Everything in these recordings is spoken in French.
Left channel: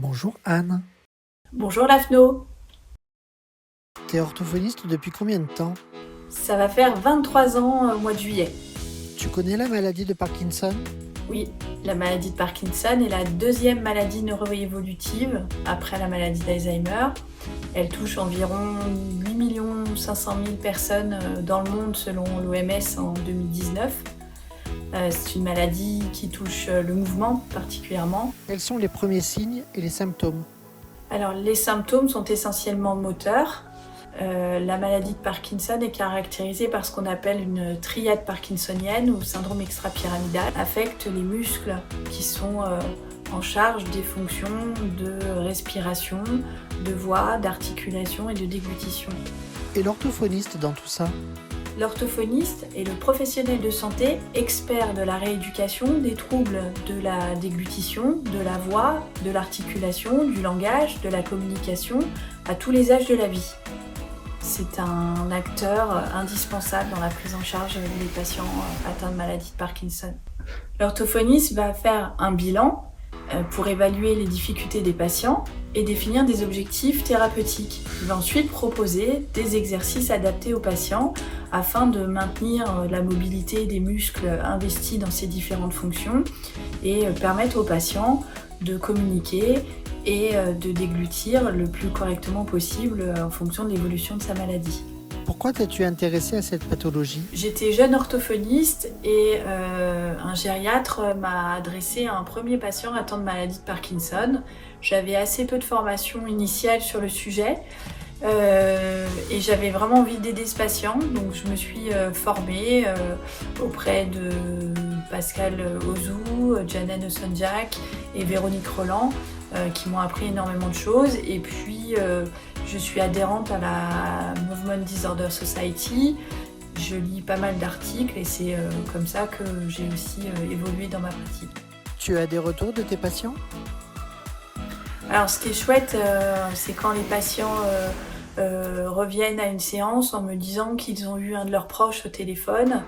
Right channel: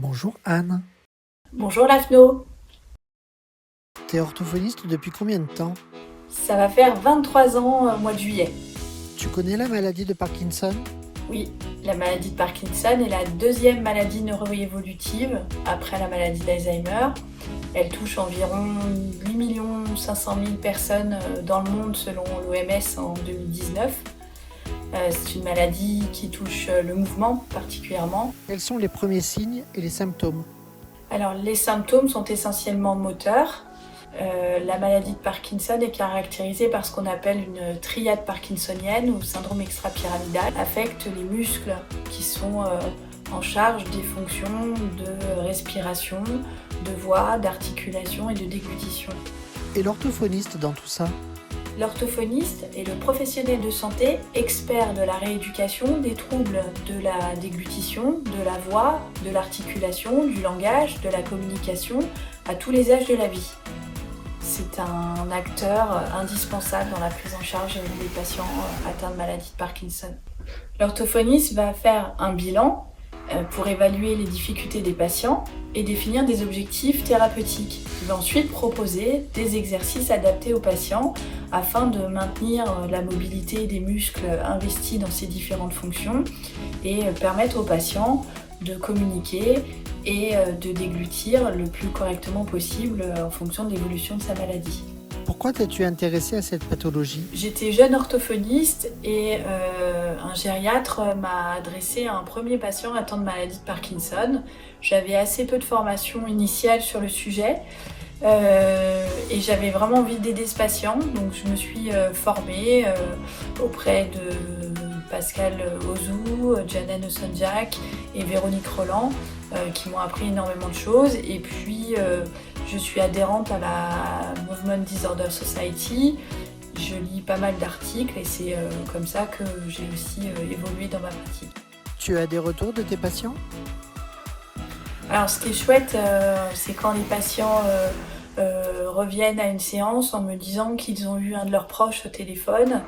Bonjour Anne, Bonjour Lafno, t'es orthophoniste depuis combien de temps? ça va faire 23 ans au mois de juillet. Tu connais la maladie de Parkinson? Oui, la maladie de Parkinson est la deuxième maladie neuroévolutive après la maladie d'Alzheimer. Elle touche environ 8 500 000 personnes dans le monde selon l'OMS en 2019. C'est une maladie qui touche le mouvement particulièrement. Quels sont les premiers signes et les symptômes? Alors les symptômes sont essentiellement moteurs. La maladie de Parkinson est caractérisée par ce qu'on appelle une triade parkinsonienne ou syndrome extrapyramidal, affecte les muscles qui sont en charge des fonctions de respiration, de voix, d'articulation et de déglutition. Et l'orthophoniste dans tout ça? L'orthophoniste est le professionnel de santé expert de la rééducation des troubles de la déglutition, de la voix, de l'articulation, du langage, de la communication à tous les âges de la vie. C'est un acteur indispensable dans la prise en charge des patients atteints de maladie de Parkinson. L'orthophoniste va faire un bilan pour évaluer les difficultés des patients et définir des objectifs thérapeutiques. Il va ensuite proposer des exercices adaptés aux patients afin de maintenir la mobilité des muscles investis dans ces différentes fonctions et permettre aux patients de communiquer et de déglutir le plus correctement possible en fonction de l'évolution de sa maladie. Pourquoi t'es-tu intéressée à cette pathologie? J'étais jeune orthophoniste et un gériatre m'a adressé à un premier patient atteint de maladie de Parkinson. J'avais assez peu de formation initiale sur le sujet et j'avais vraiment envie d'aider ce patient. Donc je me suis formée auprès de Pascal Ozou, Jana Nosson-Jack et Véronique Roland qui m'ont appris énormément de choses. Et puis je suis adhérente à la Movement Disorder Society. Je lis pas mal d'articles et c'est comme ça que j'ai aussi évolué dans ma pratique. Tu as des retours de tes patients? Alors ce qui est chouette, c'est quand les patients reviennent à une séance en me disant qu'ils ont eu un de leurs proches au téléphone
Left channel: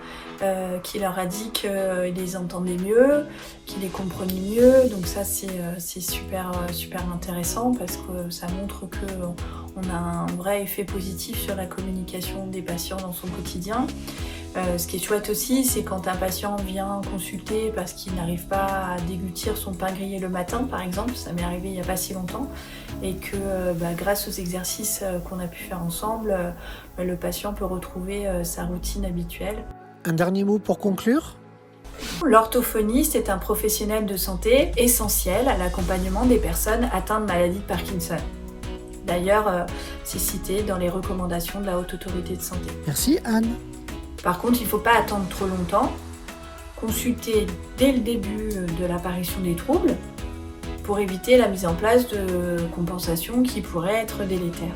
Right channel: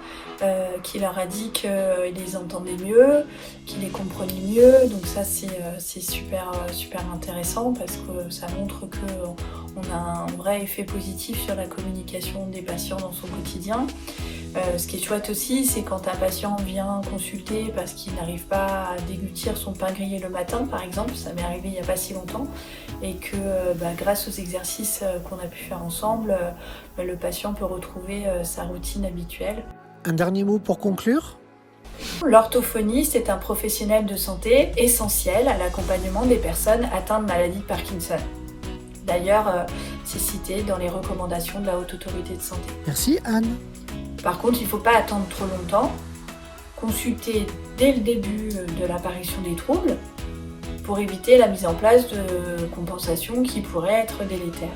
qui leur a dit qu'ils les entendaient mieux, qu'ils les comprenaient mieux. Donc ça c'est super intéressant parce que ça montre qu'on a un vrai effet positif sur la communication des patients dans son quotidien. Ce qui est chouette aussi, c'est quand un patient vient consulter parce qu'il n'arrive pas à déglutir son pain grillé le matin, par exemple, ça m'est arrivé il n'y a pas si longtemps, et que grâce aux exercices qu'on a pu faire ensemble, le patient peut retrouver sa routine habituelle. Un dernier mot pour conclure? L'orthophoniste est un professionnel de santé essentiel à l'accompagnement des personnes atteintes de maladie de Parkinson. D'ailleurs, c'est cité dans les recommandations de la Haute Autorité de Santé. Merci Anne. Par contre, il ne faut pas attendre trop longtemps. Consulter dès le début de l'apparition des troubles pour éviter la mise en place de compensations qui pourraient être délétères.